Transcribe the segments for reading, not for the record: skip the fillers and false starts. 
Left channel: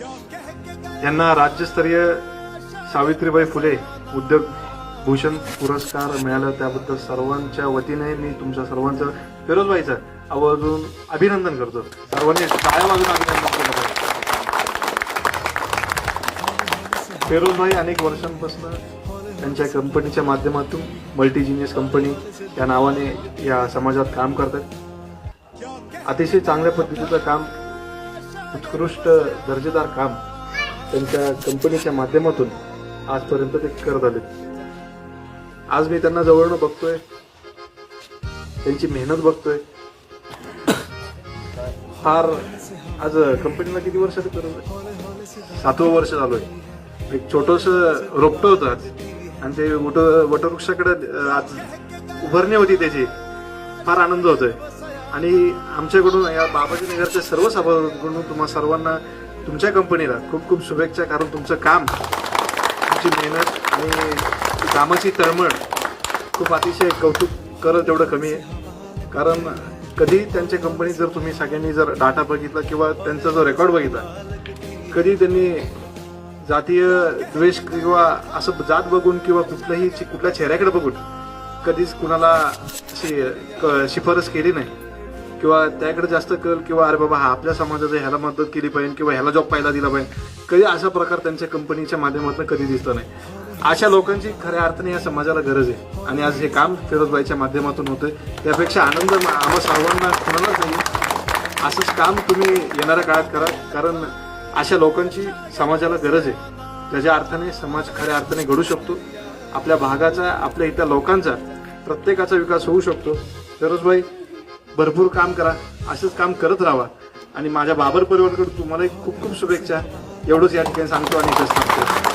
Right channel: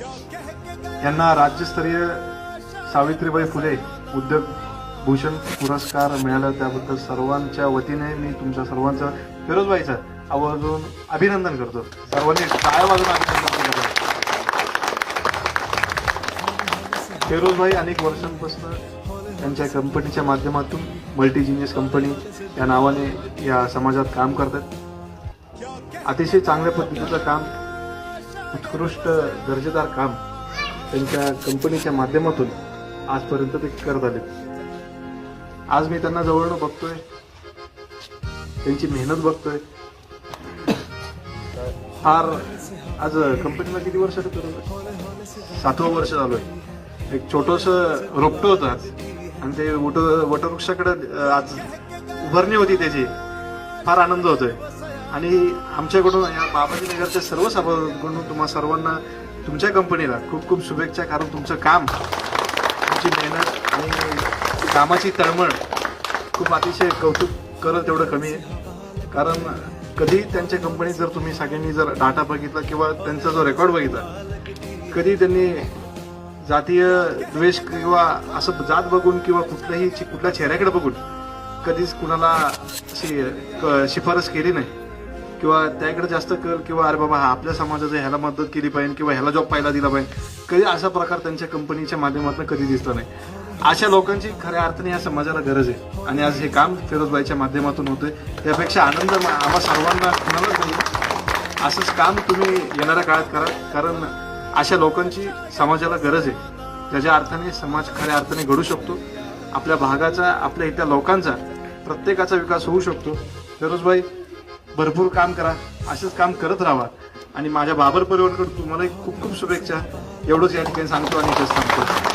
यांना राज्यस्तरीय सावित्रीबाई फुले उद्योग भूषण पुरस्कार मिळाला, त्याबद्दल सर्वांच्या वतीने मी तुमच्या सर्वांचं फिरोजबाईचं आवर्जून अभिनंदन करतो. सर्वांनी टाळ्या वाजून अभिनंदन करतो. फिरोजबाई अनेक वर्षांपासून त्यांच्या कंपनीच्या माध्यमातून मल्टीजिनियस कंपनी या नावाने या समाजात काम करतात. अतिशय चांगल्या पद्धतीचं काम, उत्कृष्ट दर्जेदार काम त्यांच्या कंपनीच्या माध्यमातून आजपर्यंत ते करत आले. आज मी त्यांना जवळनं बघतोय, त्यांची मेहनत बघतोय. फार आज कंपनीला किती वर्ष करत, 7वं वर्ष झालंय. एक छोटस रोपटं होतं आज, आणि ते वटवृक्षाकडे आज उभारणी होती त्याची. फार आनंद होतोय. आणि आमच्याकडून या बाबाजी नगरच्या सर्व सभासदांकडून तुम्हा सर्वांना तुमच्या कंपनीला खूप खूप शुभेच्छा. कारण तुमचं काम, तुमची मेहनत आणि कामाची तळमळ खूप अतिशय कौतुक करत तेवढं कमी आहे. कारण कधी त्यांच्या कंपनीत जर तुम्ही सगळ्यांनी जर डाटा बघितला किंवा त्यांचा जो रेकॉर्ड बघितला, कधी त्यांनी जातीय द्वेष किंवा असं जात बघून किंवा कुठल्या चेहऱ्याकडे बघून कधीच कुणाला अशी शिफारस केली नाही किंवा त्याकडे जास्त कल किंवा अरे बाबा हा आपल्या समाजाचा ह्याला मदत केली पाहिजे किंवा ह्याला जॉब पाहायला दिला पाहिजे, कधी असा प्रकार त्यांच्या कंपनीच्या माध्यमातून कधी दिसतो नाही. अशा लोकांची खऱ्या अर्थाने या समाजाला गरज आहे. आणि आज हे काम फिरोजबाईच्या माध्यमातून होतंय, त्यापेक्षा आनंद आम्हा सर्वांना कुणालाच नाही. असंच काम तुम्ही येणाऱ्या काळात करा. कारण अशा लोकांची समाजाला गरज आहे. त्याच्या अर्थाने समाज खऱ्या अर्थाने घडू शकतो. आपल्या भागाचा, आपल्या इथल्या लोकांचा, प्रत्येकाचा विकास होऊ शकतो. फिरोजबाई भरपूर काम करा, असंच काम करत राहा. आणि माझ्या बाबर परिवाराकडून तुम्हाला खूप खूप शुभेच्छा. एवढंच या ठिकाणी सांगतो आणि इथेच सांगतो.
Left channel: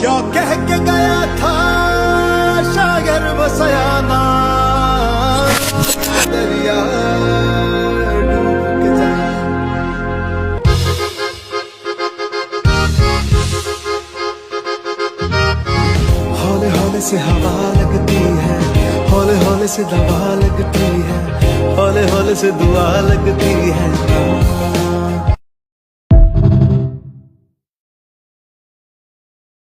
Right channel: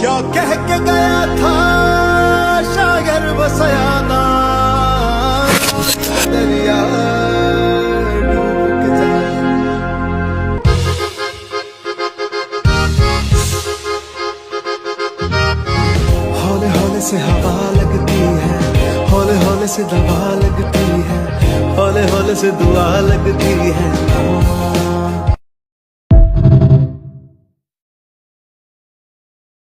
क्या कह के गया था शायर वो सयाना दरिया डूब के जा हौले हौले से हवा लगती है हौले हौले से दवा लगती है हौले हौले से दुआ लगती है